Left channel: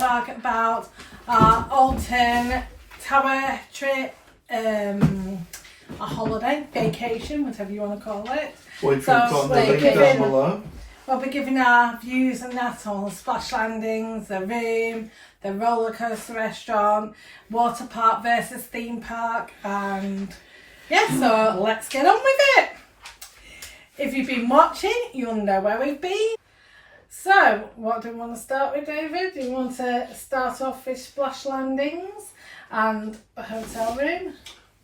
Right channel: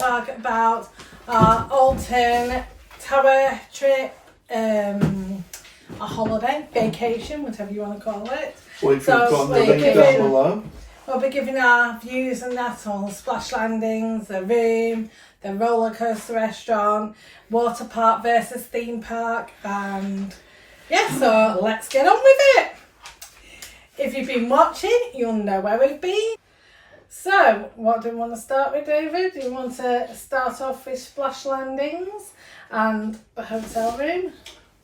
talk about our Alton Tower trip, a holiday, vacation, whatever you want to call it. We'll be giving our views and that on splash landings, the room, the roller coaster restaurant, Waterpark versus theme park, and yeah, so let's get on with it. If you've been watching, you'll know where we've been. So, what do we want to start with, David? Do you want to start off with splash landings and the hotel room?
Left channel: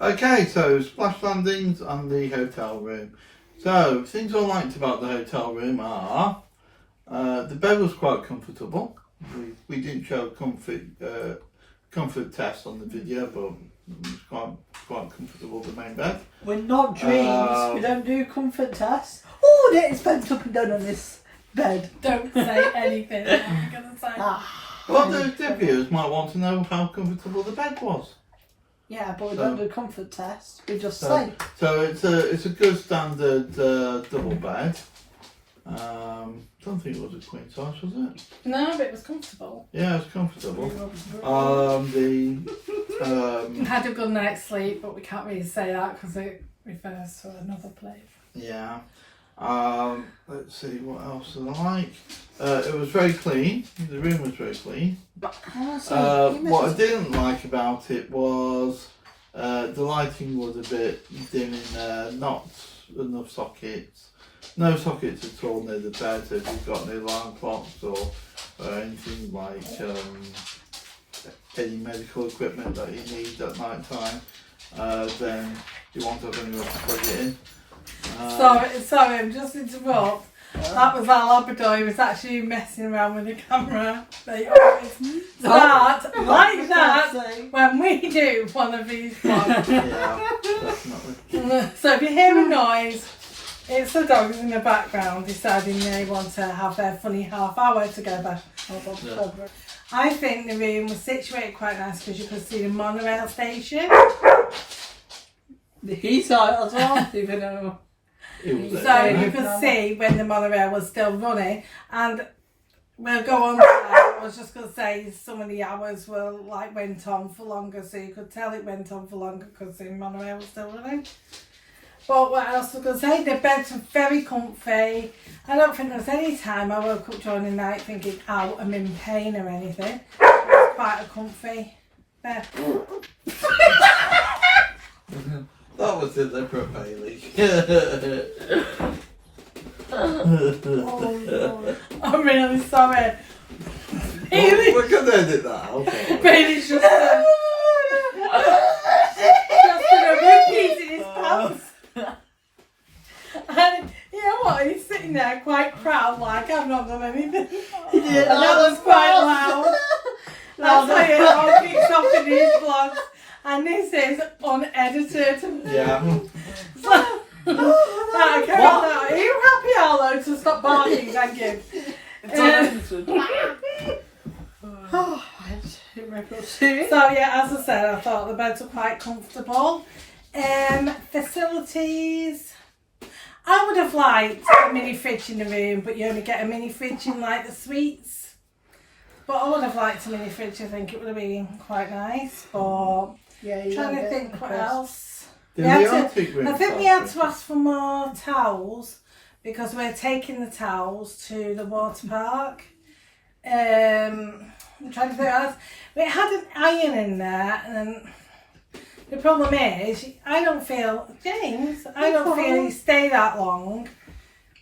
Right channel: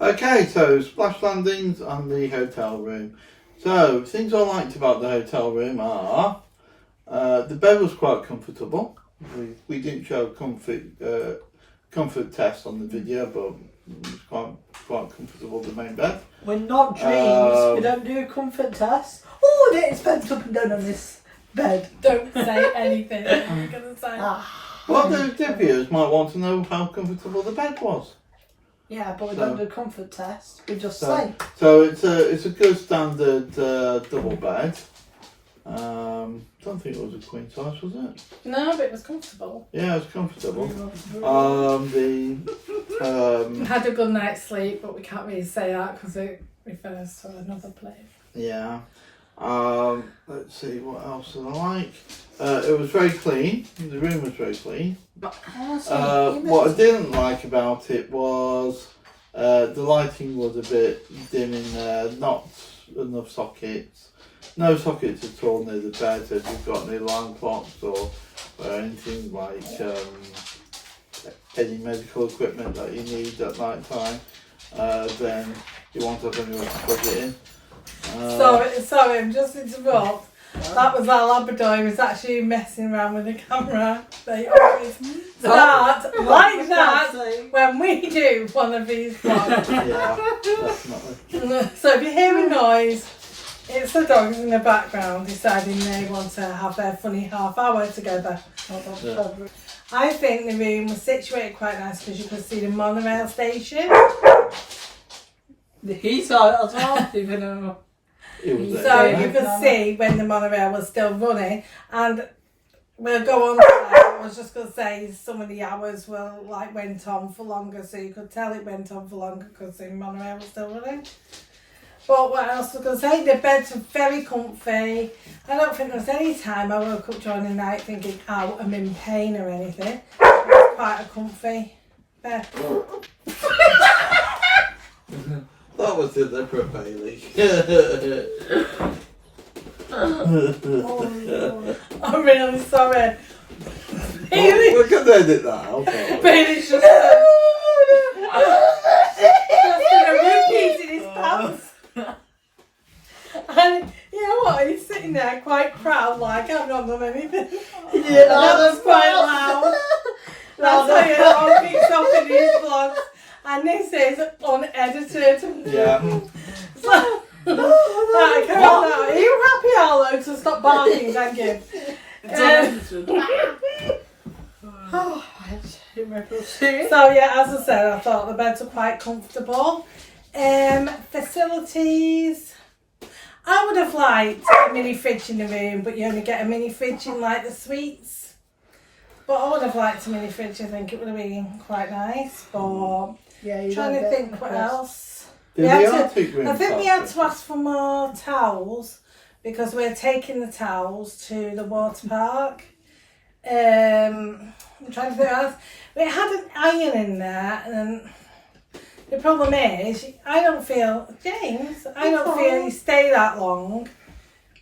Okay, so splash landings and the hotel room. So, things I liked about the hotel room are the bed was quite comfortable. We didn't show comfort test on the video, but it was quite comfortable, the main bed. We're not dreams. We don't do comfort tests. Oh, the expense up and down on this bed. Don't say anything. I'm going to say. Well, the viewers might want to know how comfortable the bed was. Yeah, but we don't do comfort tests. We just say. So it's a good standard double bed. Don't think it was a queen size, was it? No, but it was comfortable. Yeah, it was comfortable. Had a good night's sleep, but we can't really say that because it refers to another place. Yeah. Let's see, what else did I like? It was very clean. The room was very clean. What I didn't like about it was the lighting was a bit dim in there, not enough sockets. No sockets at all near the bed, so if you've got no alarm clocks or anything like any medical equipment that you need at night time, then you won't have anywhere to plug it in. Sorry, I'm just interrupt. That was our Labrador. He was actually messing around with the camera. They always start like that when we do one of these vlogs. Yeah, definitely. So if you hear a noise, it's the dogs in the background deciding they want to have their funny half hour together. Yeah. I think the room was situated quite nice because you could see the monorail station. He saw it as well, even though. So you could see when the monorail was still running, and we'll go on to that. I was just going to say some of the hours went on for longer, so you could tell it went on for longer because the monorail was still running. But what else was I going to say? The beds were very comfy. I don't think there was any time I woke up during the night thinking, "Ow, I'm in pain" or anything. It was quite a comfy bed. That was it then for Bailey. I'm really sorry. We're going to edit that out. Bailey's just in a repeat in his pants. And you know what? He's sitting there quite proud, like I've not done anything. Yeah, that's quite loud. That's why it all kicks off in his vlogs. And this is unedited. Yeah. So, are you happy, Arlo, to stop barking? Thank you. So yeah, as I said, I thought the beds were quite comfortable. Facilities. I would have liked a mini fridge in the room, but you only get a mini fridge in like the suites. But I would have liked a mini fridge. I think it would have been quite nice. But yeah, trying to think what else. I think we had to ask for more towels because we're taking the towels to the water park. I'm trying to think what else. We had an iron in there, and the problem is, I don't feel you stay that long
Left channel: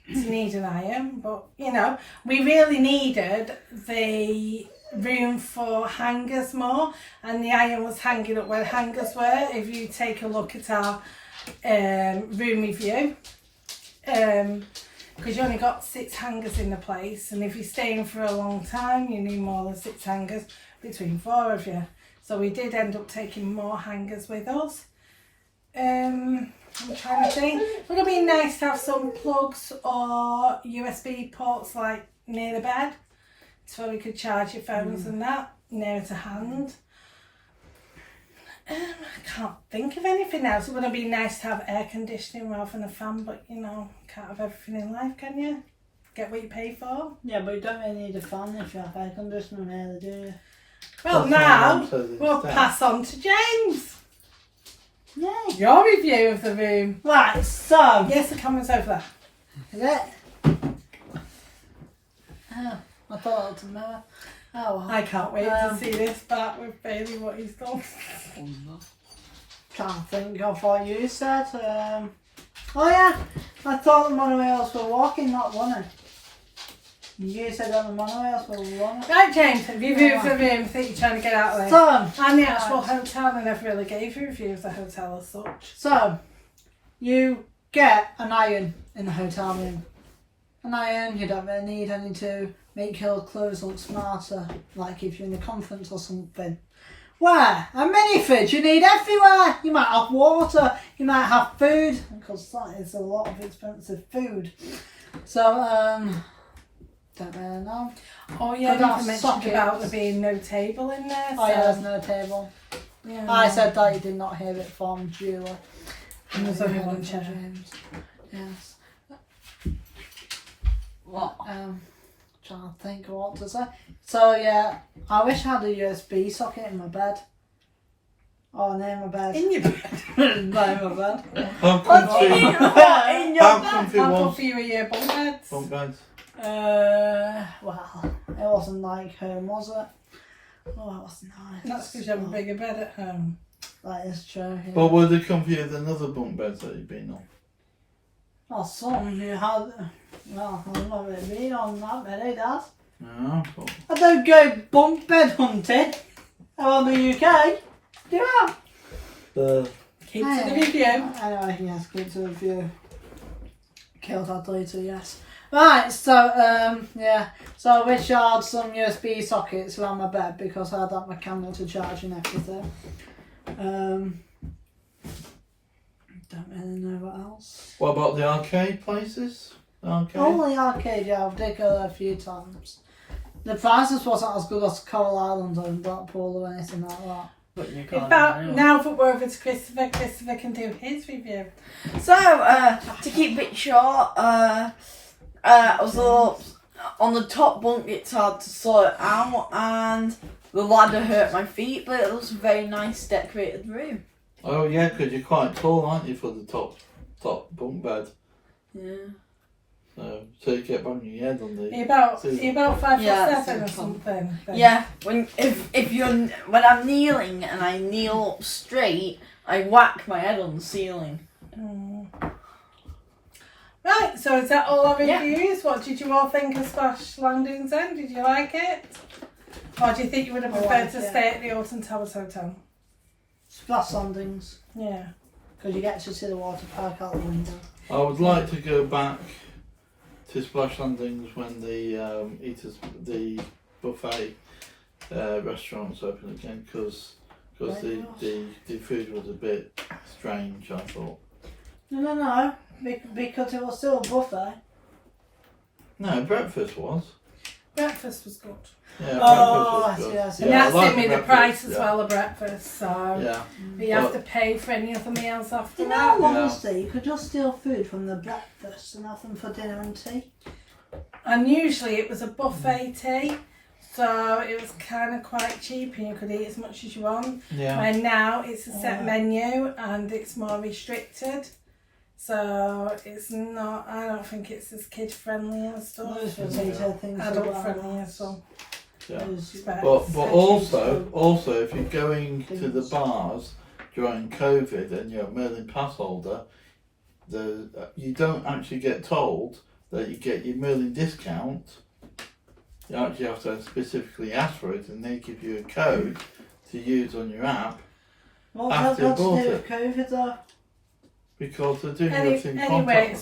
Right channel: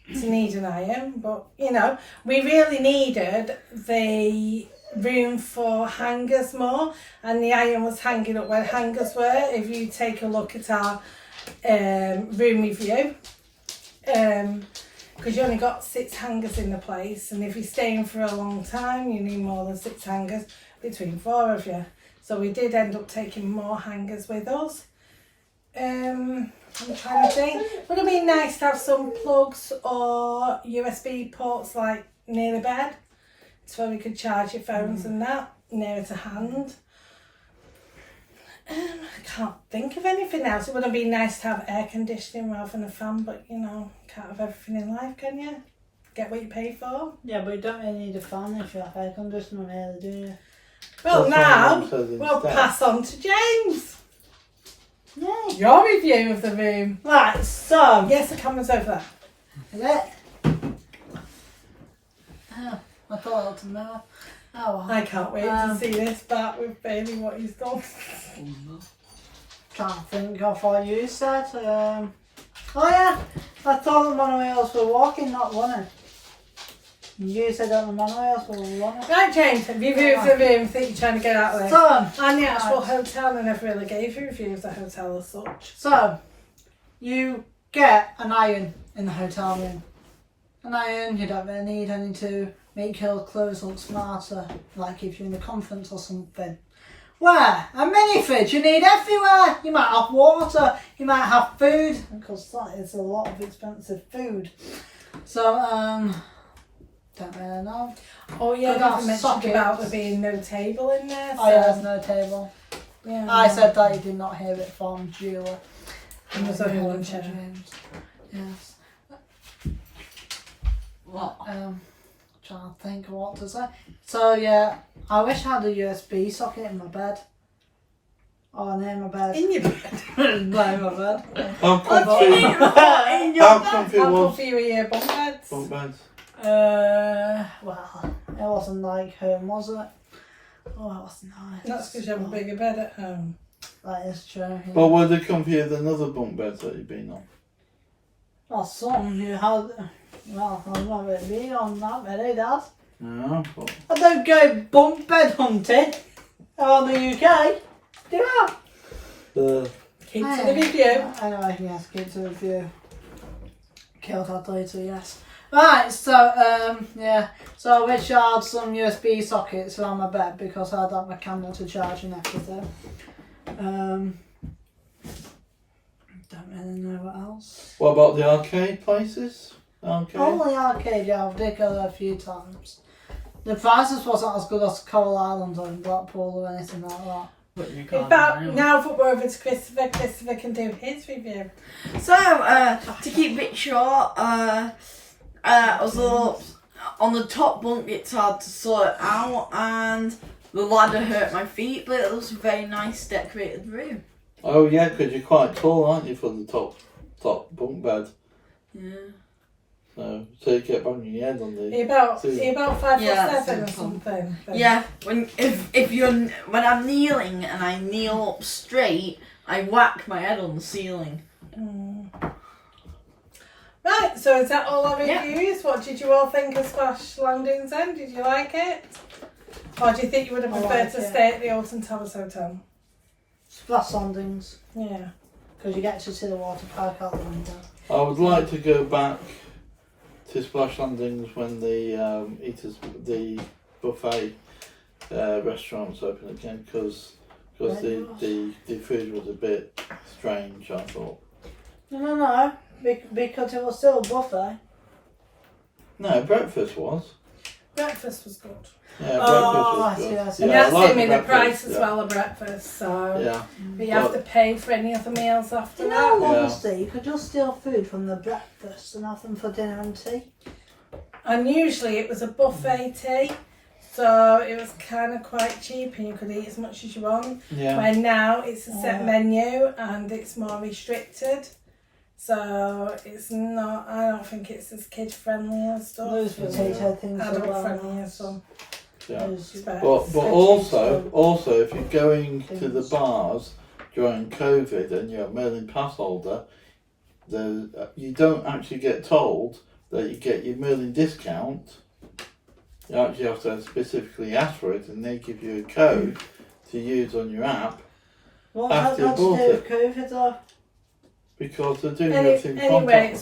to need an iron, but you know, we really needed the room for hangers more, and the iron was hanging up where hangers were. If you take a look at our room review, because you only got 6 hangers in the place, and if you're staying for a long time, you need more than 6 hangers between 4 of you. So we did end up taking more hangers with us. I'm trying to think. Would it be nice to have some plugs or USB ports like near the bed so you could charge your phones and that nearer to hand? I can't think of anything else. It would have been nice to have air conditioning rather than a fan, but you know, can't have everything in life, can you? get what you pay for. Yeah, but you don't really need a fan if you have air conditioning, really, do you? Well, That's what now Mum says we'll instead. pass on to James. Yay. Your review of the room. Right, so. Yes, the camera's over there. Is it? Oh, I thought it was a mirror. Oh, well. I can't wait to see this back with baby what he's done. Trying to think of what you said. Oh yeah, I thought the monorails were walking, not running. You said that the monorails were running. Right, James, review of the room. I think you're trying to get out there. So, And the actual hotel, I never really gave you reviews of the hotel as such. so you get an iron in the hotel room. An iron, you don't really need any to make your clothes look smarter, like if you're in a conference or something. Where? A mini fridge you need everywhere. You might have water, you might have food, because that is a lot of expensive food. So, don't really know. Oh yeah, Could you have mentioned sockets. about there being no table in there. Oh yeah, there's no table. Yeah. I said that you did not hear it from Julie. There's only one James. chair. Yes. What? Trying to think of what to say. So yeah, I wish I had a USB socket in my bed. Oh, near my bed. In your bed. Near my bed. How comfy, What? In your how bed? comfy I'll was put for you a year bunk beds. bunk beds? Well, it wasn't like home, was it? Oh, it was nice. That's because you have a bigger bed at home. That is true. Yeah. Well, were they comfier than other bunk beds that you've been on? Well, some you had. Well, I'm not really on that many, Dad. Yeah, but I don't go bunk bed hunting around the UK. Do I? Keep to the review. Anyway, yes, keep to the review. Killed that later, yes. Right, so, yeah. So I wish I had some USB sockets around my bed because I had that my camera to charge and everything. Don't really know what else. What about the arcade places? Arcade? Only arcade, yeah, I've did go there a few times. The prices wasn't as good as Coral Island or in Blackpool or anything like that. But you can't About anyway. now that we're over to Christopher, Christopher can do his review. So, to keep it short, I was a little on the top bunk. It's hard to sort out, and the ladder hurt my feet. But it was a very nice, decorated room. Oh yeah, because you're quite tall, aren't you, for the top bunk bed? Yeah. So you get banging your head on the. Are you about 5'7" Yeah, or something. something? then? Yeah. When I'm kneeling and I kneel up straight, I whack my head on the ceiling. Mm. Right, so is that all our Yeah. reviews? What did you all think of Splash Landings then? Did you like it? Or do you think you would have I preferred liked to it. stay at the Alton Towers Hotel? Splash landings, Yeah. because you get to see the water park out the window. I would like to go back to Splash Landings when the buffet restaurants open again, because the food was a bit strange, I thought. No, because it was still a buffet. No, breakfast was. Breakfast was good. Yeah, Oh, breakfast was I see, good. I see. And Yeah, I that's like in me the breakfast, price as yeah. well of breakfast, so Yeah, but you have to pay for any other meals after You that. know, honestly, you could just steal food from the breakfast and have them for dinner and tea. And usually it was a buffet tea, so it was kind of quite cheap and you could eat as much as you want. yeah. Where now it's a set Yeah. menu and it's more restricted. So it's not, I don't think it's as kid friendly and stuff. Those It's potato things are adult well friendly and nice. stuff. Yeah. Those- But But also, if you're going to the bars during COVID and you're a Merlin pass holder, you don't actually get told that you get your Merlin discount. You actually have to specifically ask for it, and they give you a code to use on your app What's that after got to bought do it. with COVID though? because they're doing Anyway, everything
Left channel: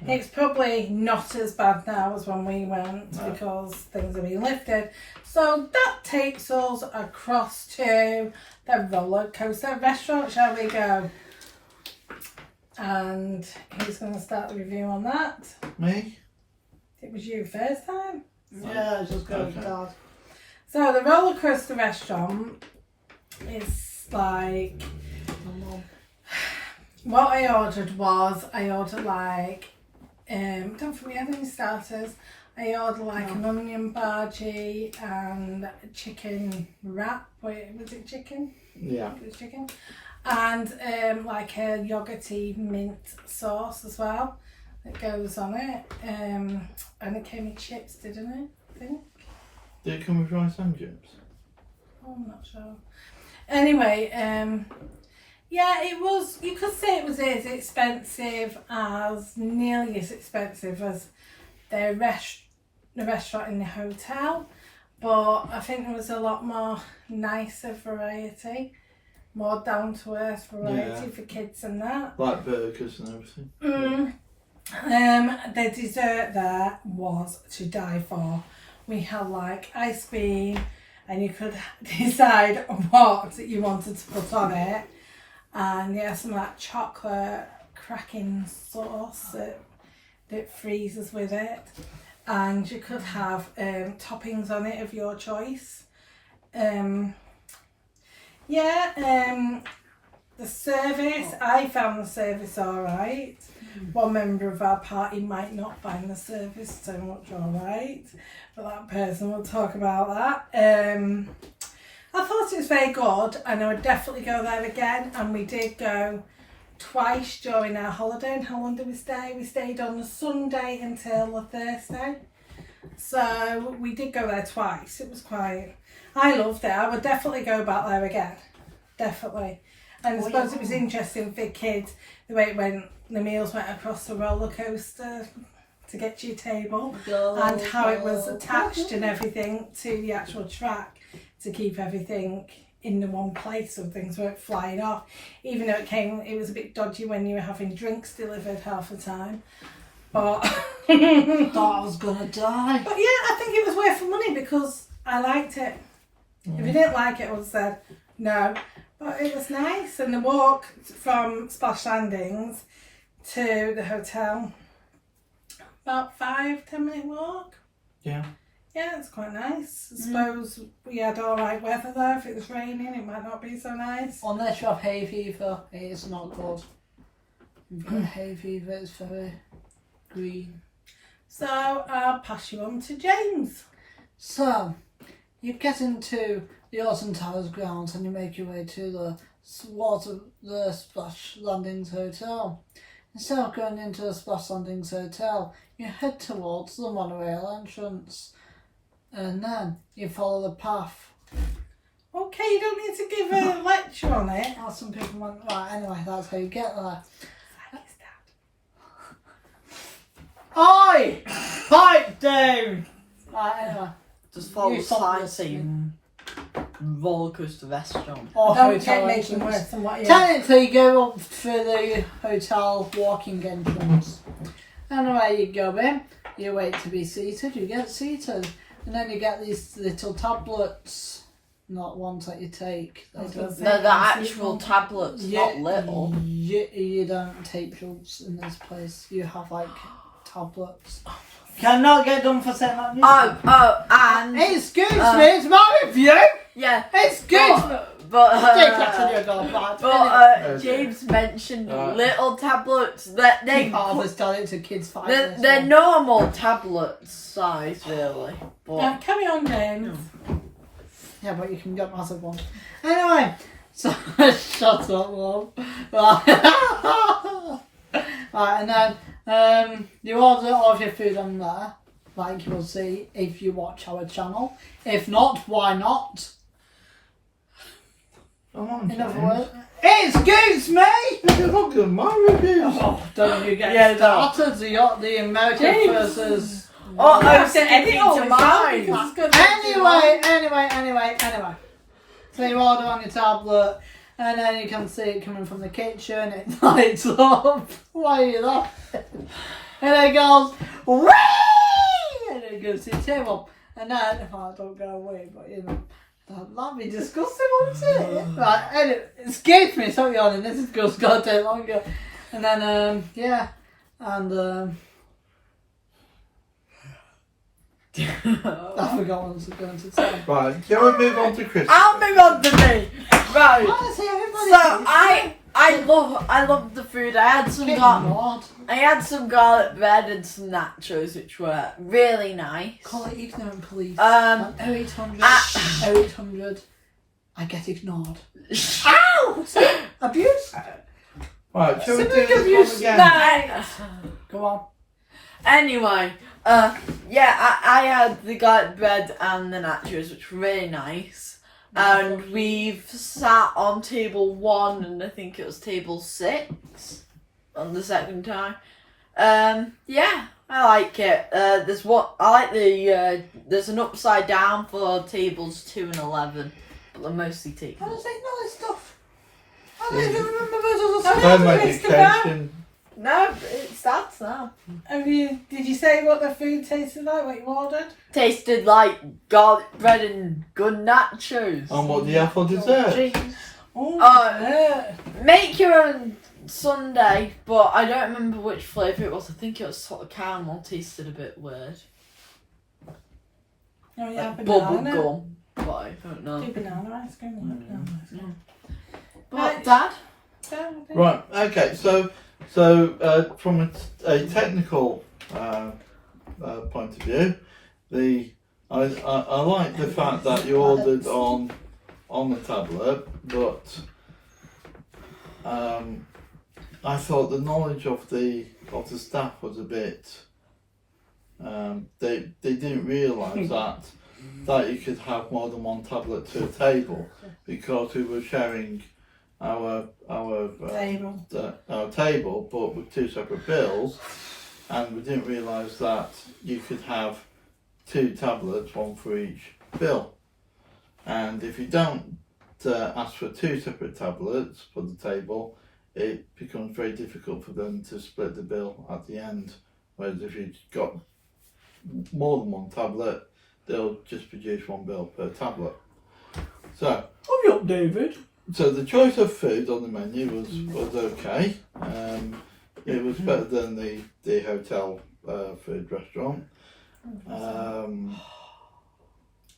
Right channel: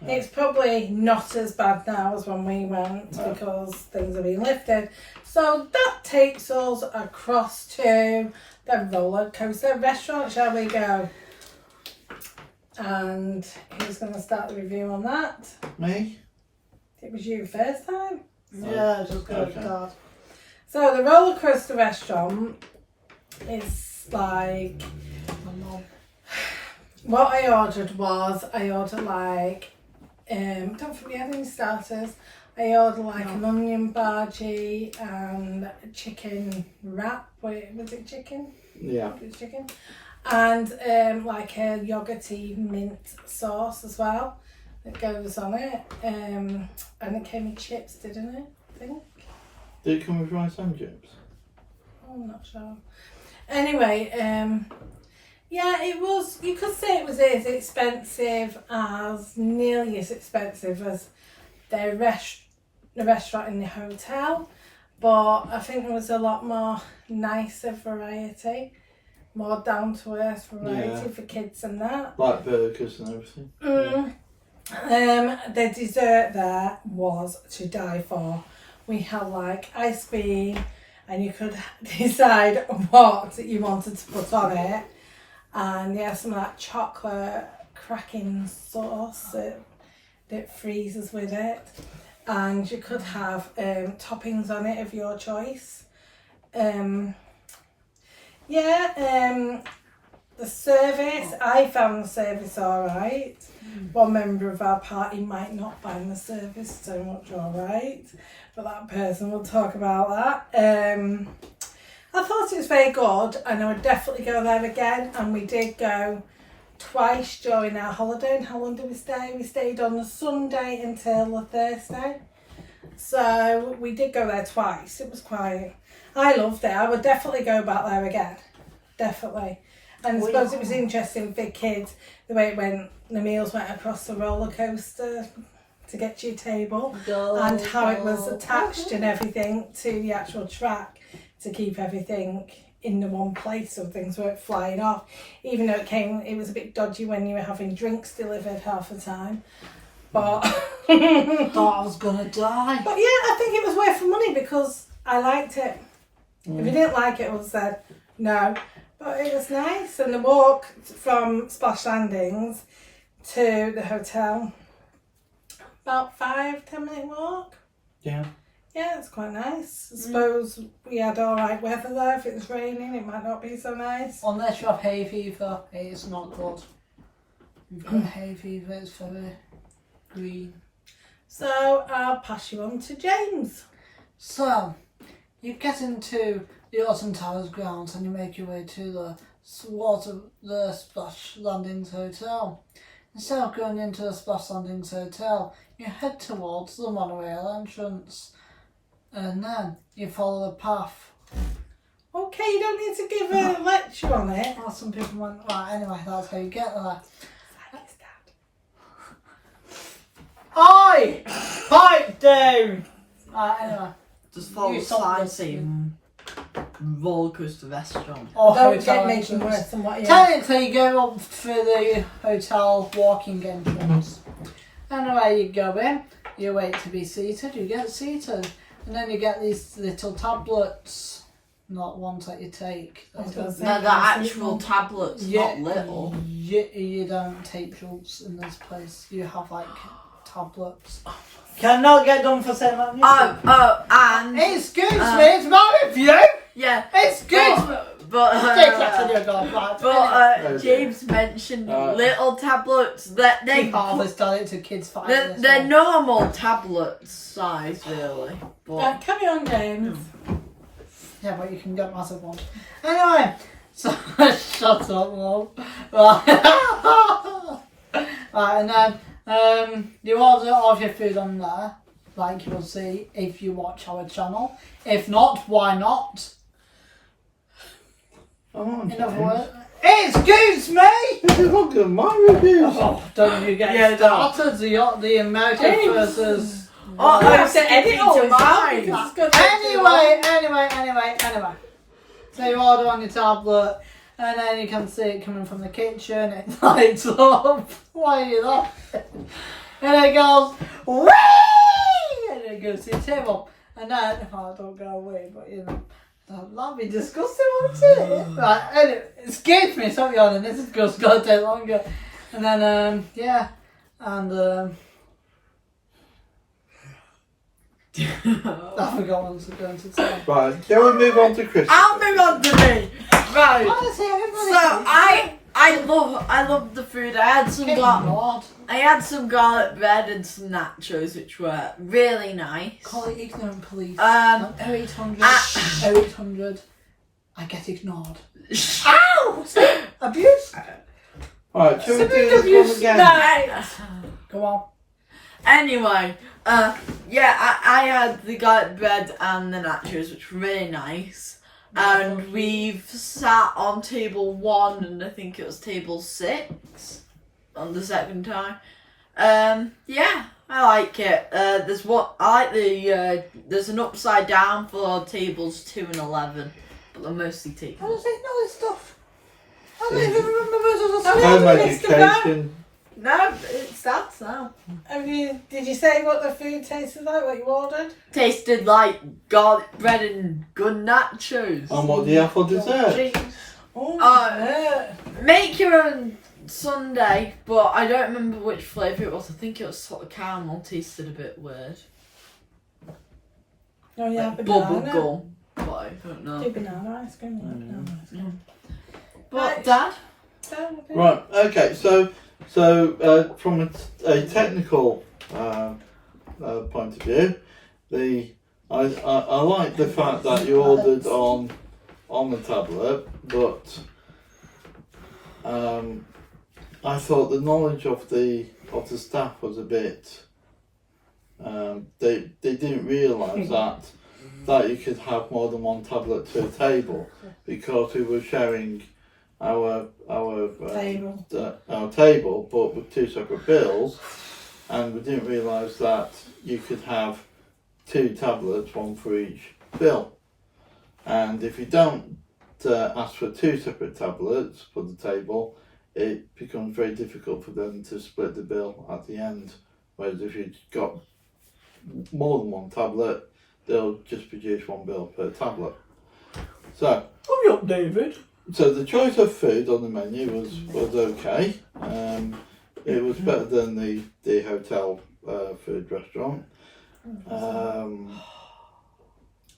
it's probably not as bad now as when we went No. because things have been lifted. So that takes us across to the roller coaster restaurant. Shall we go? And who's going to start the review on that? Me? It was you first time. Yeah, just go with Okay. Dad. So the roller coaster restaurant is like, what I ordered like don't forget any starters. I ordered like an onion bhaji and a chicken wrap. Wait, was it chicken? Yeah. It was chicken. And like a yogurty mint sauce as well that goes on it. And it came with chips, didn't it? I think. Did it come with rice and chips? Oh, I'm not sure. Anyway, yeah, it was, you could say it was as expensive as, nearly as expensive as the restaurant in the hotel, but I think there was a lot more nicer variety, more down to earth variety for kids and that. Like burgers and everything. The dessert there was to die for. We had like ice cream, and you could decide what you wanted to put on it. And yeah, some like chocolate cracking sauce that freezes with it. And you could have toppings on it of your choice. The service, I found the service alright. One member of our party might not find the service so much alright, but that person will talk about that. I thought it was very good, and I would definitely go there again. And we did go twice during our holiday. And how long did we stay? We stayed on the Sunday until the Thursday. So we did go there twice. It was quite, I loved it. I would definitely go back there again. Definitely. And I suppose it was interesting for kids, the way it went, the meals went across the roller coaster to get to your table, and how it was attached and everything to the actual track to keep everything in the one place so things weren't flying off. Even though it was a bit dodgy when you were having drinks delivered half the time. But thought I was gonna die. But yeah, I think it was worth the money because I liked it. If you didn't like it, I would have said no. But it was nice, and the walk from Splash Landings to the hotel, about 5-10 minute walk. Yeah. Yeah, it's quite nice. I suppose we had alright weather there. If it was raining, it might not be so nice. Unless you have hay fever, it's not good. You've got hay fever, it's very green. So I'll pass you on to James. So, you get into the Alton Towers grounds and you make your way to the Splash Landings Hotel. Instead of going into the Splash Landings Hotel, you head towards the monorail entrance. And then you follow the path. Okay, you don't need to give a lecture on it. Oh, some people went, right, anyway, that's how you get there. Oi! Pipe down! Right, anyway. Just follow You the stop sign listening. saying rollercoaster restaurant. Or Don't hotel get making entrance. worse than what you Technically, you go up through the hotel walking entrance. Anyway, you go in, you wait to be seated, you get seated. And then you get these little tablets, not ones that you take. They don't, They're the actual tablets, not little. You don't take drugs in this place. You have like tablets. Cannot get done for saying that. And Excuse me, it's my review. yeah, Excuse me. But James mentioned little tablets. That they done it to kids 5 years they're old. normal tablets size, really. But carry on, James. Yeah, but you can get massive ones. Anyway, so shut up, Mum. Right, and then you order all of your food on there, like you will see if you watch our channel. If not, why not? In other words, excuse me! Look at my reviews. Oh, don't you get started? The American versus... I was editing to mine. Anyway. So you order on your tablet, and then you can see it coming from the kitchen. It lights up. Why are you laughing? And it goes, whee! And it goes to your table. And then, don't go away, but you know, that'd be disgusting, wouldn't it? Right, anyway, excuse me, stop yawning. This is gonna take longer. And then, I forgot what I was going to say. Right, shall we move on to Christmas? I'll move on to me. Right. Honestly, So I I love the food. I had some garlic bread and some nachos, which were really nice. Call it ignorant police. 0800. 0800. I get ignored. Ow! Abuse? Right, shall we do Civic this abuse. one again? Nice. Go on. Anyway, I had the garlic bread and the nachos, which were really nice. And we've sat on table 1 and I think it was table 6 on the second time. Yeah, I like it. There's an upside down for tables 2 and 11, but they're mostly How tables. does it know this stuff? I don't even remember those Home Yeah, it's the education. No, it starts now. Did you say what the food tasted like? What you ordered? Tasted like garlic bread and good nachos. And what do you have for dessert? Oh, yeah. Make your own sundae, but I don't remember which flavour it was. I think it was sort of caramel. Tasted a bit weird. Oh yeah, Like banana. bubble gum, but I don't know. Do banana ice cream. Banana ice cream. But Dad? Right, okay, so from a technical point of view, I like the fact that you ordered on the tablet, but I thought the knowledge of the staff was a bit. They didn't realise that you could have more than one tablet to a table, because we were sharing our table, but with 2 separate bills, and we didn't realise that you could have 2 tablets, 1 for each bill. And if you don't ask for 2 separate tablets for the table, it becomes very difficult for them to split the bill at the end. Whereas if you've got more than 1 tablet, they'll just produce 1 bill per tablet. So, Hurry up, David. So the choice of food on the menu was okay. It was better than the hotel food restaurant,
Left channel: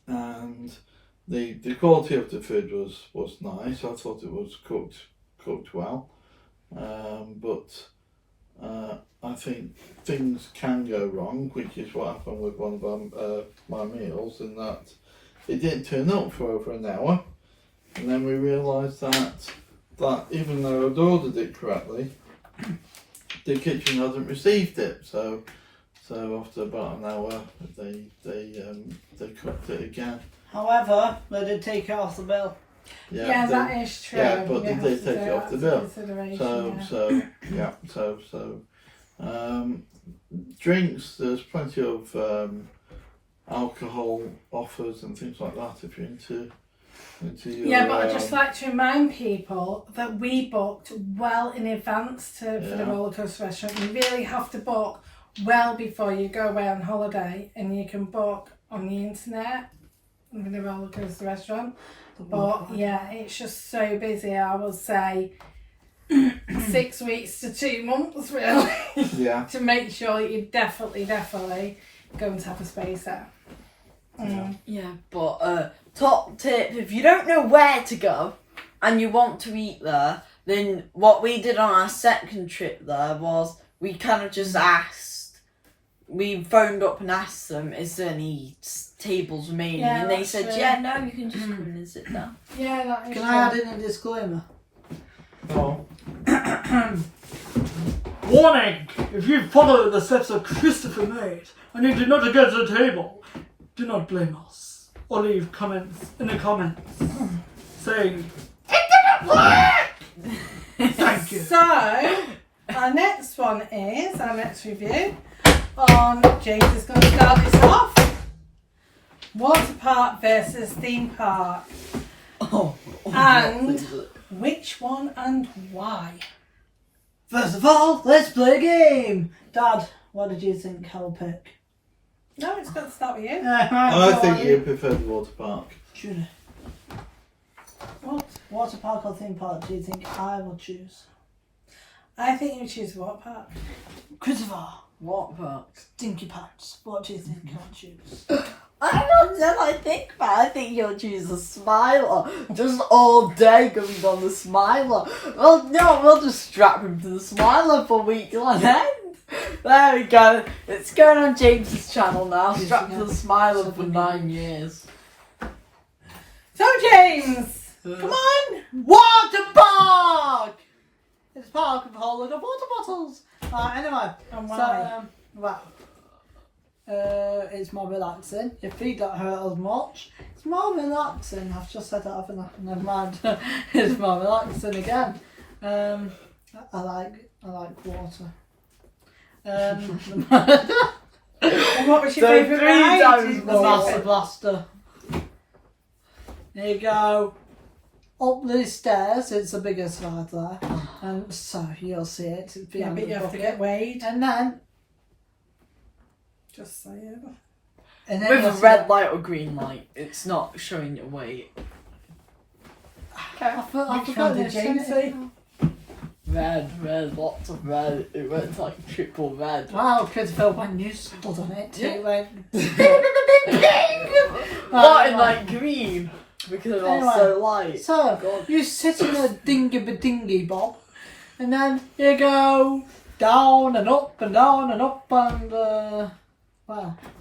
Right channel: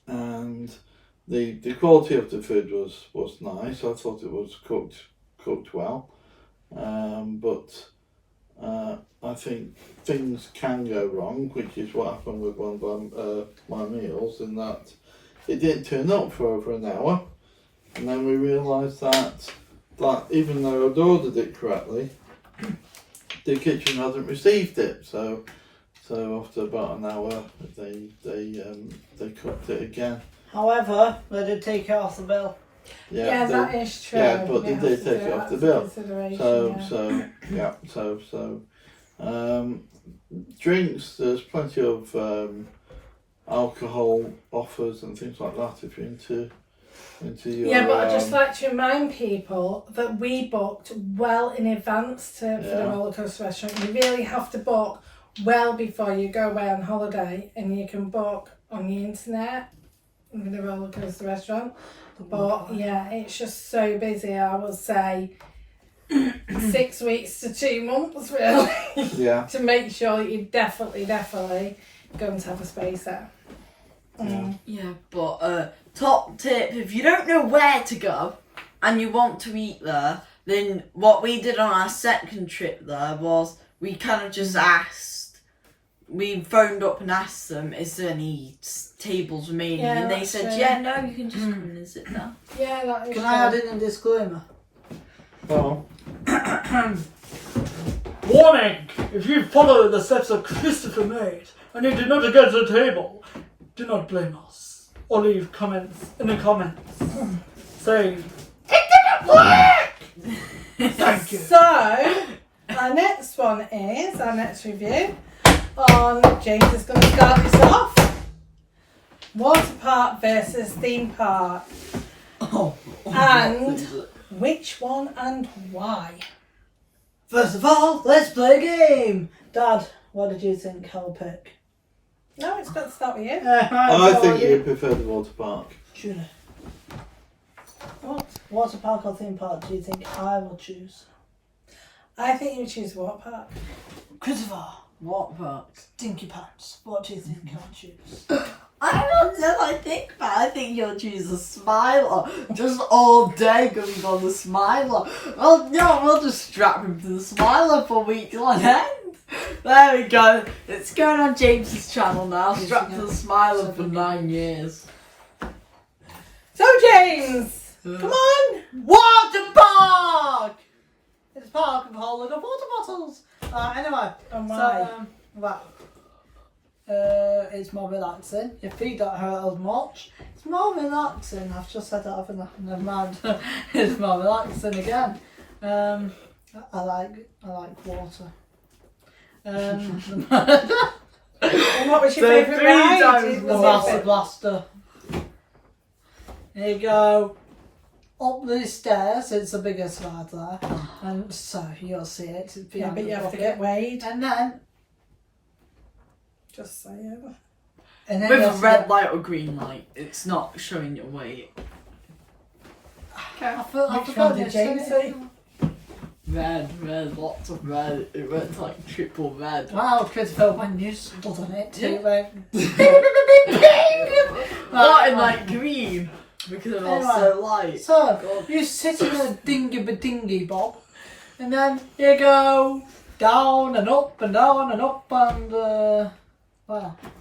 and the quality of the food was nice. I thought it was cooked well, but I think things can go wrong, which is what happened with one of my meals, in that it didn't turn up for over an hour. And then we realised that even though I'd ordered it correctly, the kitchen hadn't received it. So after about an hour, they cooked it again. However, they did take it off the bill. Yeah, that is true. Yeah, but You they have did to take take it off the that bill. into consideration, Drinks. There's plenty of alcohol offers and things like that if you're into your, yeah, but I'd just like to remind people that we booked well in advance for the rollercoaster restaurant. You really have to book well before you go away on holiday, and you can book on the internet with the rollercoaster restaurant. But yeah, it's just so busy. I would say 6 weeks to 2 months really. Yeah. To make sure you're definitely going to have a space there. Yeah, but top tip, if you don't know where to go and you want to eat there, then what we did on our second trip there was we kind of just we phoned up and asked them, is there any tables remaining? Yeah, and they that's said, true. yeah, no, you can just come and sit down. Yeah, that is Can true. I add in a disclaimer? Oh. Warning! If you follow the steps that Christopher made and you do not get to the table, do not blame us. Or leave comments in the comments saying, "It didn't work!" Thank you. So, our next one is, our next review on, James is going to start this off. Waterpark versus theme park. And which one and why? First of all, let's play a game. Dad, what did you think I'll pick? No, it's got to start with you. I think you prefer the water park. Should I? What? Water park or theme park do you think I will choose? I think you choose Waterpark. Christopher, Waterpark. Stinky Pants, what do you think I'll choose? I don't know. I think you'll choose a Smiler. Just all day going on the Smiler. Well, no, we'll just strap him to the Smiler for week on end. There we go. It's going on James's channel now. Strapped to the Smiler for 9 years. So James, come on. Waterpark! It's a park of holding of water bottles. Anyway, Oh so, it's more relaxing. Your feet don't hurt as much. It's more relaxing. I've just said that, haven't I? Never mind. It's more relaxing again. I like water. And what was your So favourite 3 ride? times Was more. it- Master Blaster. There you go. Up the stairs, it's the biggest ride there. And so you'll see it. It's Yeah, behind but the you have to bucket. get weighed. And then Just saying. And then With a there's red light or green light, it's not showing your weight. I Which forgot one did this, James say? Red, lots of red. It went like triple red. Wow, Christopher, when you stood on it, it went. Not in like green because it was Anyway, so light. So, God. you sit in a dingy bob, and then you go down and up and down and up and, well,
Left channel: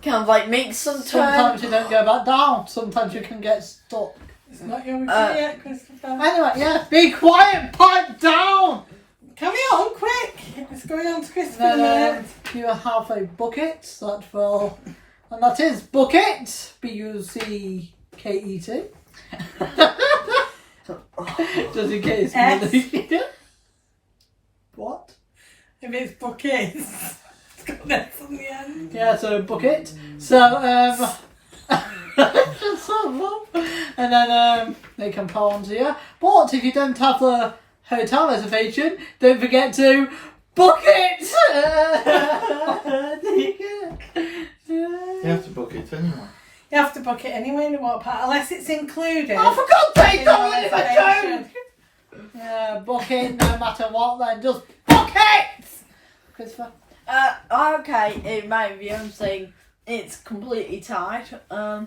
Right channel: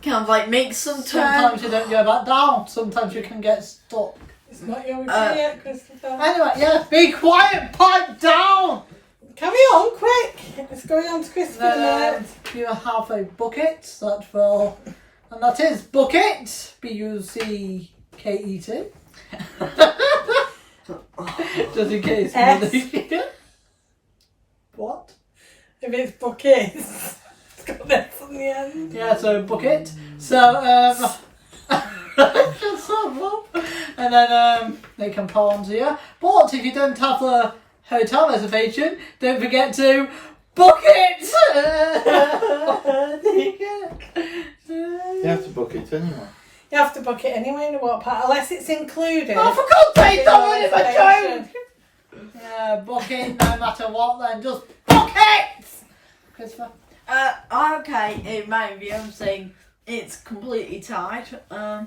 Kind of like make some sometimes turn. you don't go back down, sometimes you can get stuck. It's not your review Uh, yet, Christopher. Anyway, yeah, be quiet, pipe down! Carry on, quick. It's going on to Christopher Then minute. you have a bucket that will, and that is bucket, B-U-C-K-E-T. Just in case. S. What? If it's buckets, it's got an S on the end. Yeah, so bucket. So, just so long. And then they can pour onto you. But if you don't have the hotel reservation, don't forget to book it! You have to book it anyway. You have to book it anyway in the water park, unless it's included. Oh, for God's sake, in don't your leave a reservation. joke! Yeah, book it no matter what, then just book it! Christopher? Okay, in my view, I'm saying it's completely tied. No,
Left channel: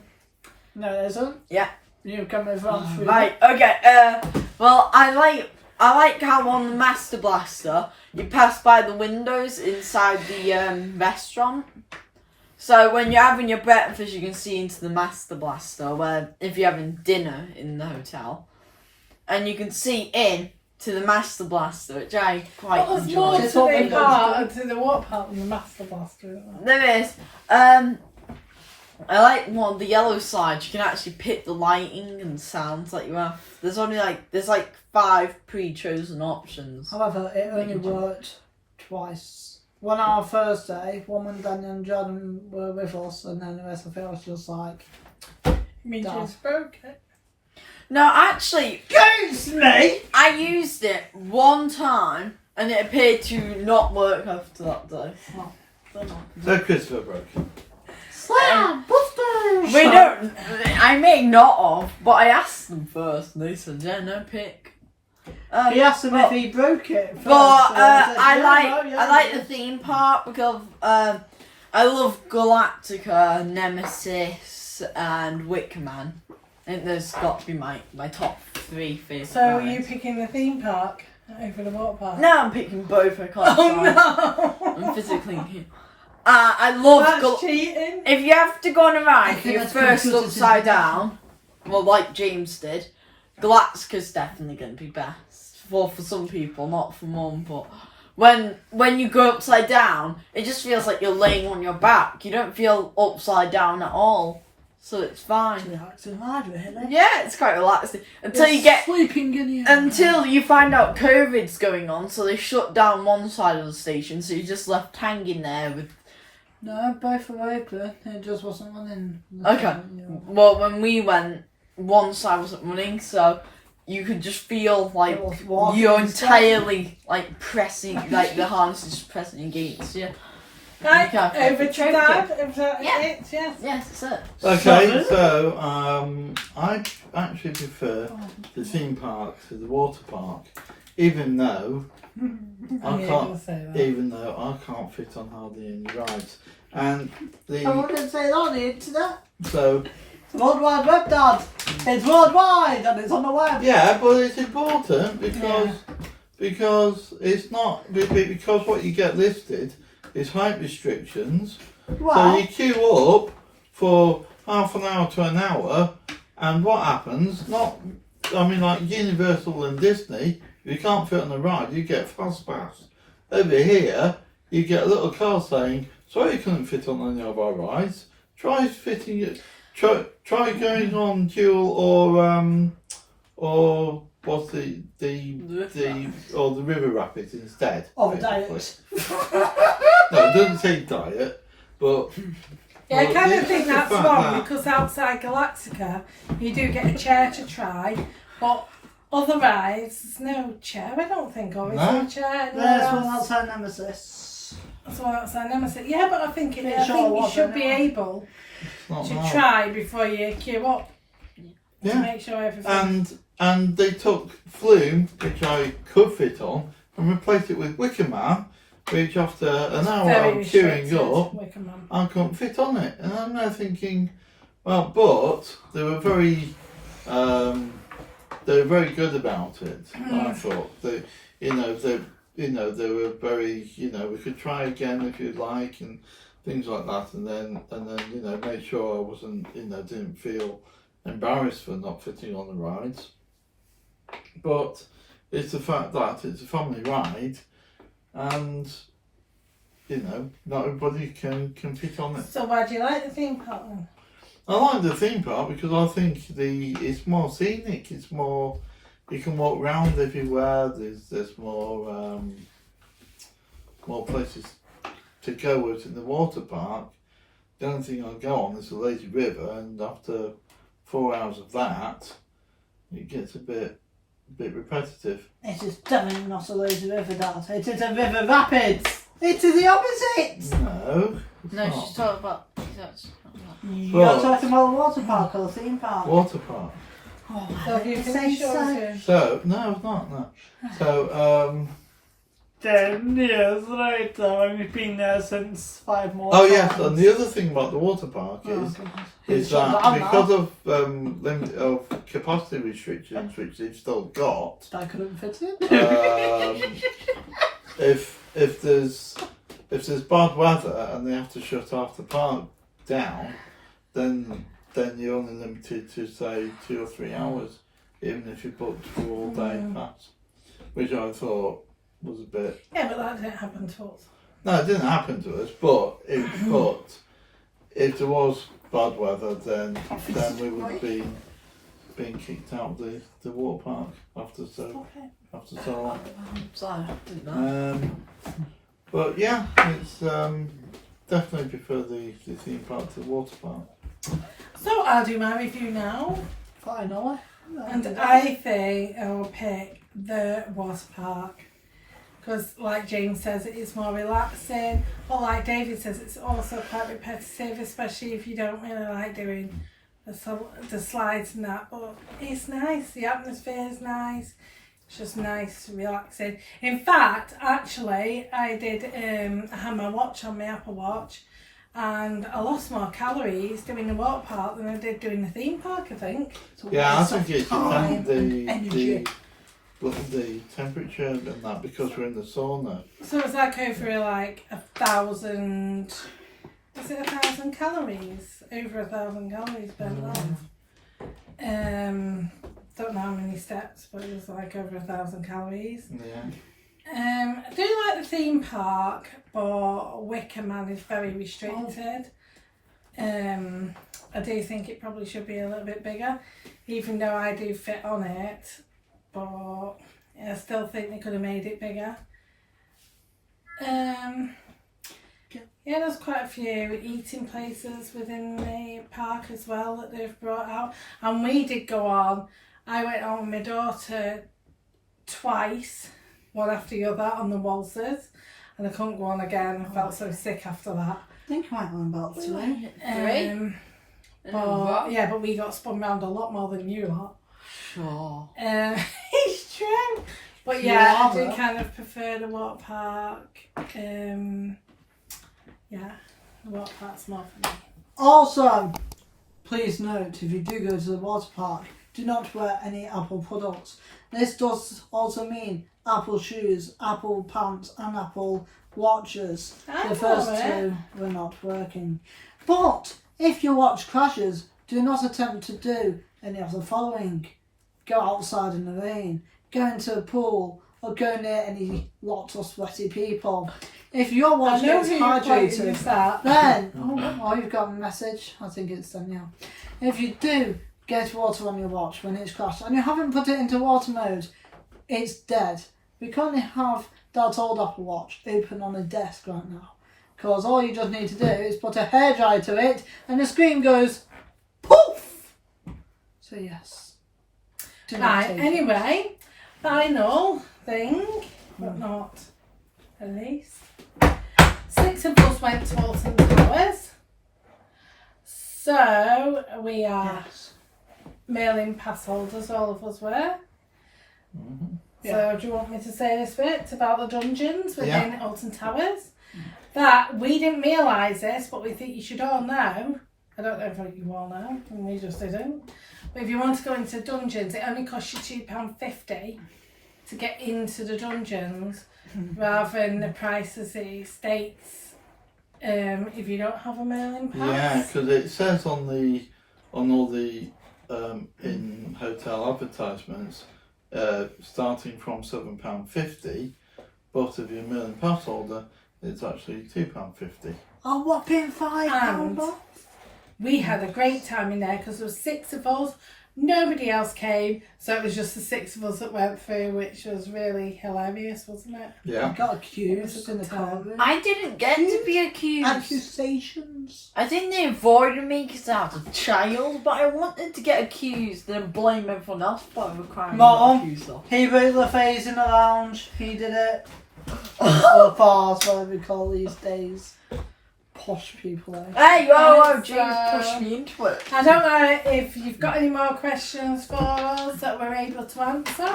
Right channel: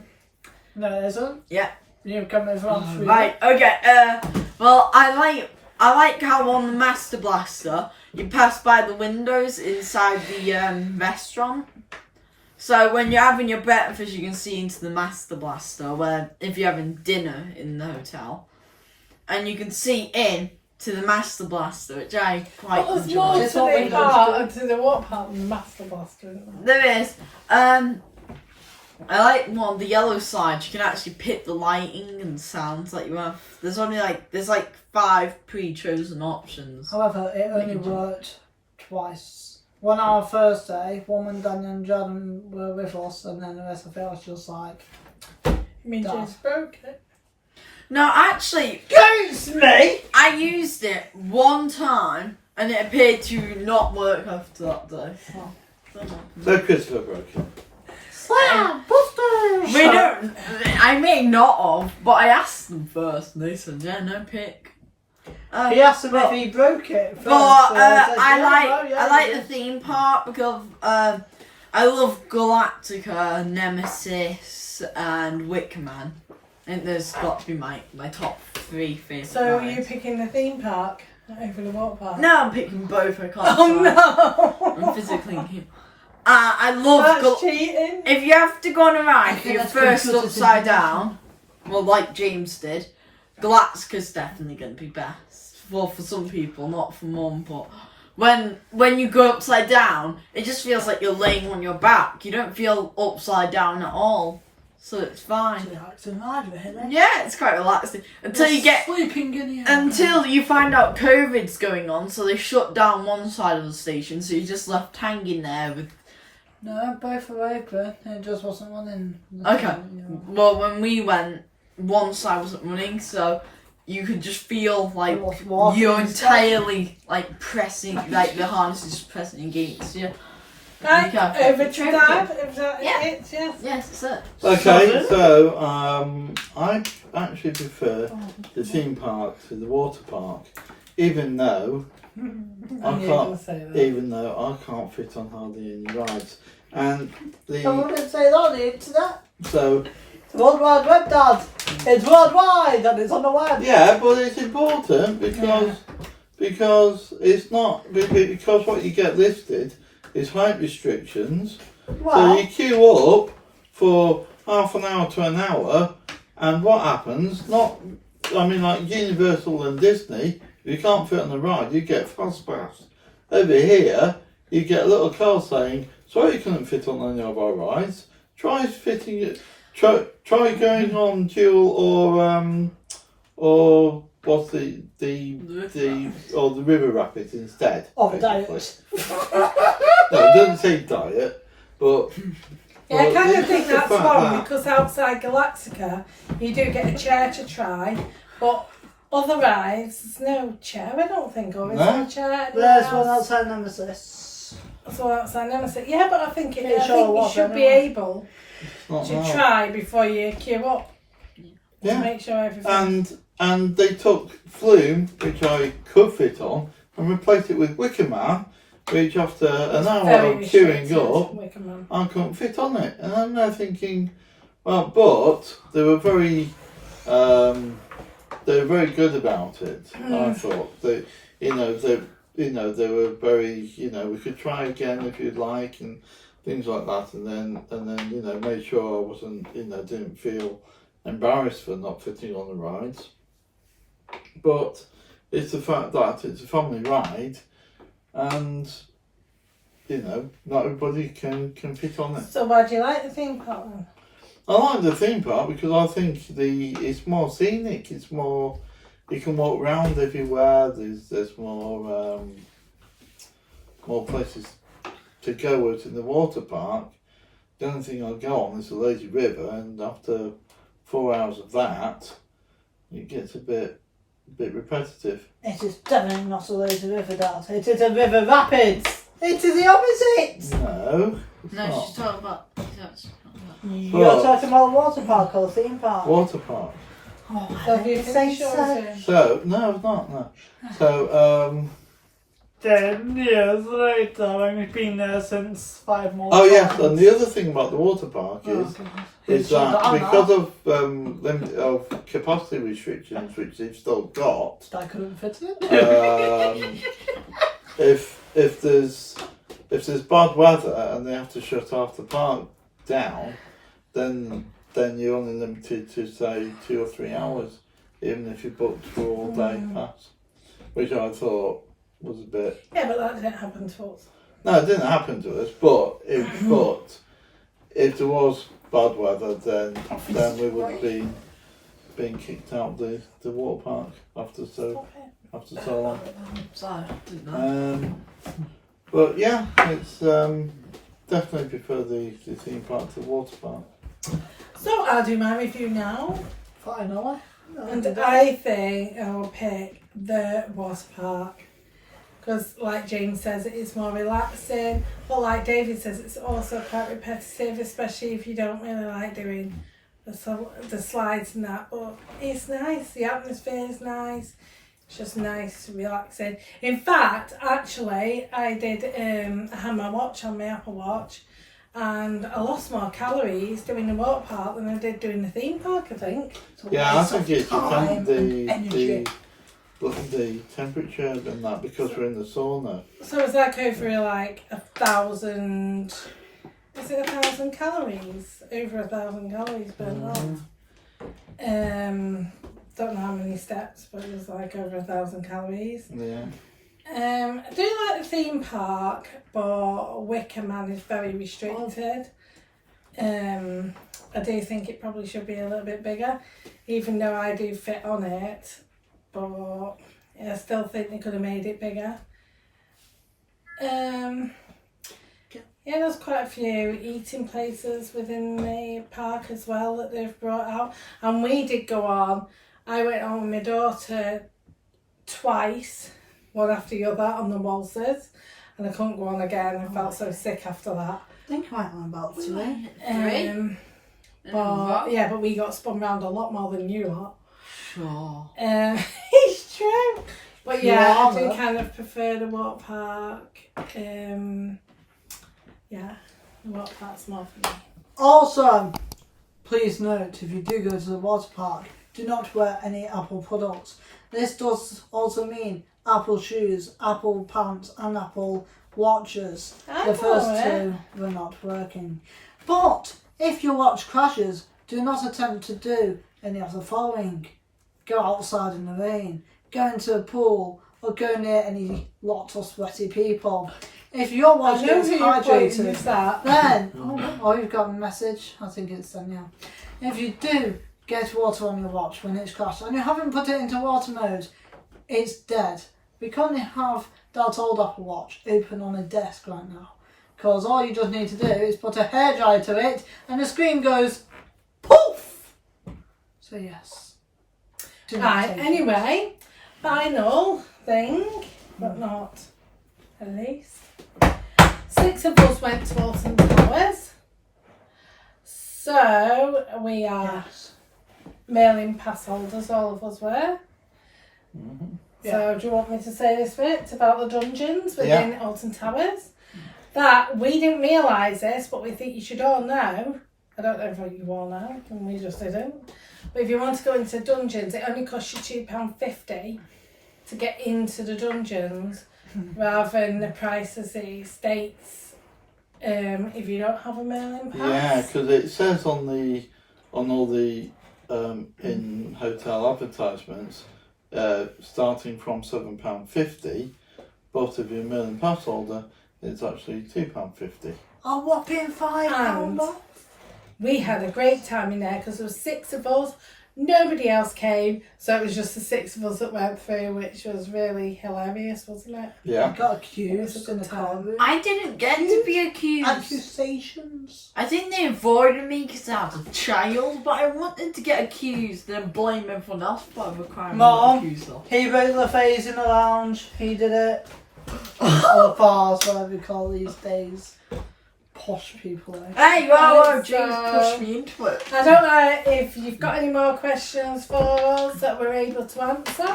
it isn't. Yeah. You come in from Right. Okay. Well, I like how on the Master Blaster you pass by the windows inside the restaurant. So when you're having your breakfast, you can see into the Master Blaster. Where if you're having dinner in the hotel, and you can see in to the Master Blaster, which I quite But there's more enjoy. It's to what the we park, want to the water park than the Master Blaster, isn't there? There is. I like one of the yellow slides. You can actually pick the lighting and sounds that you have. There's only there's 5 pre-chosen options. However, it only worked twice. One on our first day, one when Daniel and Jordan were with us, and then the rest of it was just like, You mean Done. James broke it? No, actually, Goose me! I used it one time and it appeared to not work after that day. Well, don't know. So Christopher broke it. Slam! Busters! We don't. I may not have, but I asked them first, and they said, "Yeah, no pick." He asked him if he broke it first. But so said, I yeah, like yeah. the theme park because I love Galactica, Nemesis, and Wickerman. I think those got to be my top 3 favourite. So are rides. you picking the theme park over the water park? No, I'm picking both. I can't. Oh decide. no! I'm physically. I love. That's cheating. If you have to go on a ride, I if think you're that's first computer upside simulation. down, well, like James did, Galactica's definitely going to be best. Well, for some people, not for Mum, but when you go upside down, it just feels like you're laying on your back. You don't feel upside down at all, so it's fine. Relaxing ride, really. Yeah, it's quite relaxing until you get. sleeping in here. Until you find out COVID's going on, so they shut down one side of the station, so you're just left hanging there with. No, both were open. It just wasn't running. Okay. Well, when we went, one side wasn't running, so you could just feel like It was walking you're instead. entirely like pressing, like the harness is just pressing against you. Right, You can't over pick to the Dad. traffic. Is that Yeah. it? Yes. Yes, that's it. Okay, so I actually prefer the theme park to the water park, even though I can't, even though I can't fit on hardly any rides. And I wouldn't say that on the internet. so The World Wide Web, Dad. It's worldwide and it's on the web. yeah, but it's important because it's not because what you get listed is height restrictions. Well, So you queue up for half an hour to an hour, and what happens? Like Universal and Disney, you can't fit on the ride, you get fast pass. Over here, you get a little car saying, "Sorry, you couldn't fit on any of our rides. Try fitting it. Try going on Dual or what's the River Rapids instead." or the basically. diet. No, it doesn't say diet, but. Yeah, I kind of think that's wrong because outside Galactica you do get a chair to try, but other rides there's no chair. I don't think, or is there a chair? There's one outside Nemesis. That's what outside Nemesis. Yeah, but I think Yeah, I sure, think you what, should be anyway. able Not to hard. try before you queue up. Yeah. To make sure everything. And they took Flume, which I could fit on, and replaced it with Wicker Man, which after an hour of queuing up, I couldn't fit on it. And I'm now thinking, well, but they were very good about it. I thought they were very, we could try again if you'd like, and things like that, and then make sure I wasn't, didn't feel embarrassed for not fitting on the rides. But it's the fact that it's a family ride, and not everybody can fit on it. So why do you like the theme park then? I like the theme park because I think it's more scenic. It's more, you can walk around everywhere. There's more places to go out in the water park. The only thing I go on is the lazy river, and after 4 hours of that, it gets a bit repetitive. It is definitely not a lazy river, Dad. It is a river rapids. It is the opposite. No. No, not. she's talking about. You're Well- talking about the water park or the theme park. Water park. Oh, So I you didn't think say you so. should? So no, it's not. No. So 10 years later, and we've been there since 5 more. oh yes, times. and the other thing about the water park is It's shut that down because now. of limit of capacity restrictions, which they've still got, I couldn't fit in. if there's bad weather and they have to shut half the park down, then you're only limited to say 2 or 3 hours, even if you booked for all day pass, which I thought was a bit. Yeah, but that didn't happen to us. No, it didn't happen to us, but if there was bad weather, then we would be being kicked out of the water park after so long. Sorry, I didn't know. But yeah, it's definitely prefer the theme park to the water park. So I'll do my review now. Finally. And I think I'll pick the water park. Because like James says, it is more relaxing. But like David says, it's also quite repetitive, especially if you don't really like doing the slides and that. But it's nice, the atmosphere is nice. It's just nice, relaxing. In fact, actually, I did, I had my watch on my Apple Watch, and I lost more calories doing the water park than I did doing the theme park, I think. Yeah, I think it's energy. the temperature and that, because we're in the sauna. So it's like over like 1,000, is it 1,000 calories? Over 1,000 calories burnt off. Don't know how many steps, but it was like over 1,000 calories. Yeah. I do like the theme park, but Wicker Man is very restricted. I do think it probably should be a little bit bigger, even though I do fit on it, but I still think they could have made it bigger. Yeah, there's quite a few eating places within the park as well that they've brought out, and we did go on. I went on with my daughter twice, one after the other, on the waltzes, and I couldn't go on again. I felt so sick after that. I think I went on about 3. But we got spun round a lot more than you lot. Sure. It's true. But yeah, I do Rather. kind of prefer the water park. Yeah, the water park's more for me. Also, please note, if you do go to the water park, do not wear any Apple products. This does also mean Apple shoes, Apple pants and Apple watches. The first two were not working. But if your watch crashes, do not attempt to do any of the following. Go outside in the rain, go into a pool, or go near any lots of sweaty people. If your watch gets hydrated, then you've got a message. I think it's Danielle. If you do get water on your watch when it's crashed and you haven't put it into water mode, it's dead. We currently have that old Apple Watch open on a desk right now, because all you just need to do is put a hairdryer to it and the screen goes poof. So yes. Right, anyway, final thing, but not at least. 6 of us went to Alton Towers. So we are mailing pass holders, all of us were. Mm-hmm. So do you want me to say this bit about the dungeons within Alton Towers? That we didn't realise this, but we think you should all know. I don't know if you all know, and we just didn't. But if you want to go into dungeons, it only costs you £2.50 to get into the dungeons, rather than the price as it states if you don't have a mailing pass. Yeah, because it says on all the in hotel advertisements, starting from £7.50, but if you're a mailing pass holder, it's actually £2.50. A whopping £5. We had a great time in there because there were 6 of us. Nobody else came, so it was just the 6 of us that went through, which was really hilarious, wasn't it? Yeah. I got accused in the courtroom. I didn't get to be accused. Accusations. I think they avoided me because I was a child, but I wanted to get accused and blame everyone else for the crime I got accused of. He broke the phase in the lounge. He did it. Or the bars, whatever we call these days. Posh people. Hey, whoa, And James so- pushed me into it. I don't know if you've got any more questions for us that we're able to answer,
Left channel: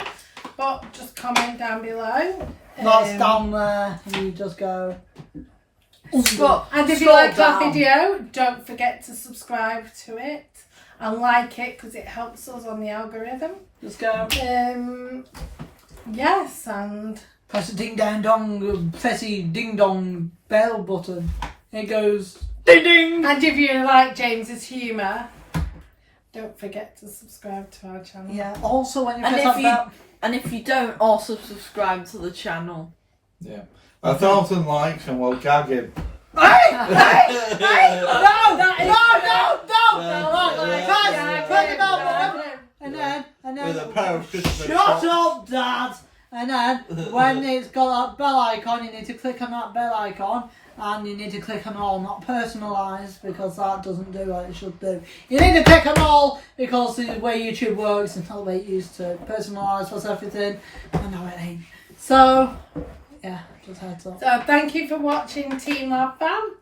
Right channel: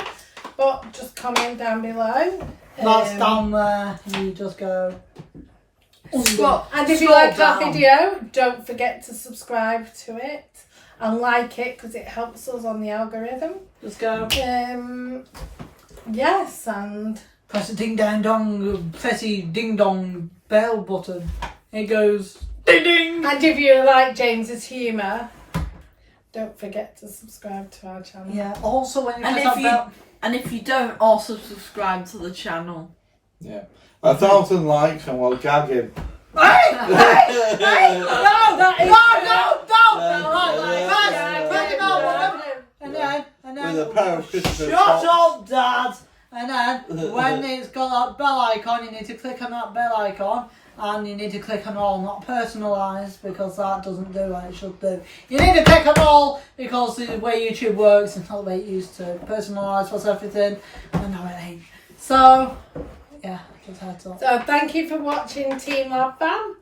but just comment down below. That's down there. You just go. And if you Scroll liked our down. video, don't forget to subscribe to it and like it because it helps us on the algorithm. Just go. Yes, and Press the ding dong dong. Press the ding dong bell button. It goes ding ding. and if you like James's humour, don't forget to subscribe to our channel. Yeah. Also, when you And press if that you bell. and if you don't also subscribe to the channel. Yeah. 1,000 likes and we'll gag him. Hey! No, And then With a pair of Christopher shut socks. up, Dad. And then when it's got that bell icon, you need to click on that bell icon, and you need to click on all, not personalised, because that doesn't do what it should do. You need to click on all because the way YouTube works is not the way it used to. Personalised was everything, and now it ain't. So yeah, just heads up. So thank you for watching Team Labfam,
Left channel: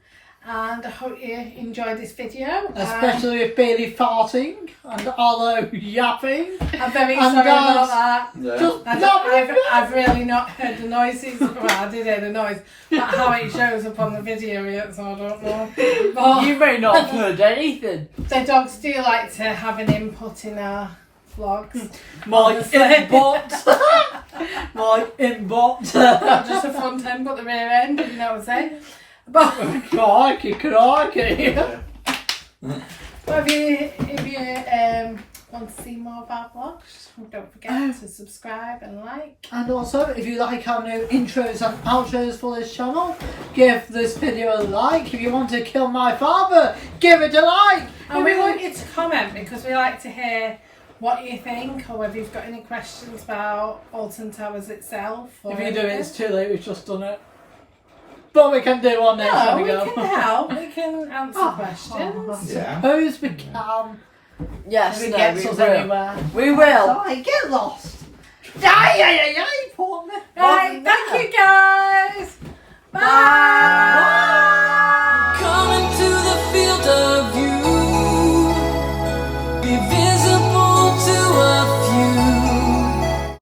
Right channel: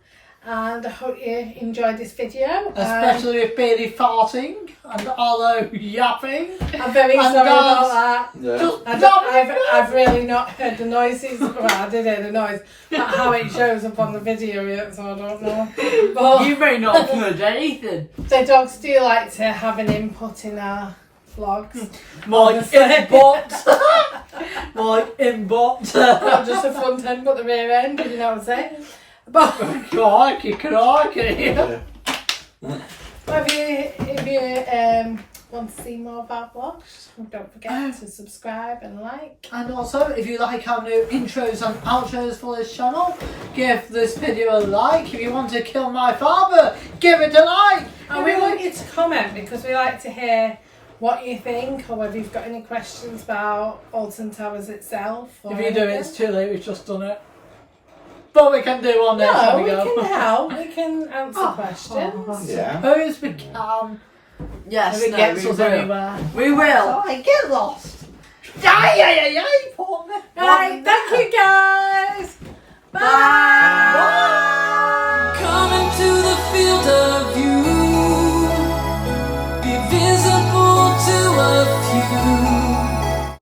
and I hope you enjoyed this video. Especially with Bailey farting and Arlo yapping. I'm very and sorry about Dad's that. Yeah. just I've really not heard the noises. Well, I did hear the noise, but how it shows up on the video yet, so I don't know. But You may not have heard anything. the dogs do like to have an input in our vlogs. My inbot. My inbot. Not just the front end, but the rear end, if you know what I'm saying. But Crikey. Yeah. if you want to see more of our vlogs, don't forget to subscribe and like. And also, if you like our new intros and outros for this channel, give this video a like. If you want to kill my father, give it a like. And we want you to comment because we like to hear what you think or whether you've got any questions about Alton Towers itself. Or If you do it, anything. it's too late. We've just done it. But we can do one next No, time we we go. can help. We can answer questions. Yeah. Suppose we can. Yes, If it no, gets we us will. anywhere. We will. Sorry, get lost. Ay, poor me. Right, thank you guys. Bye. Bye.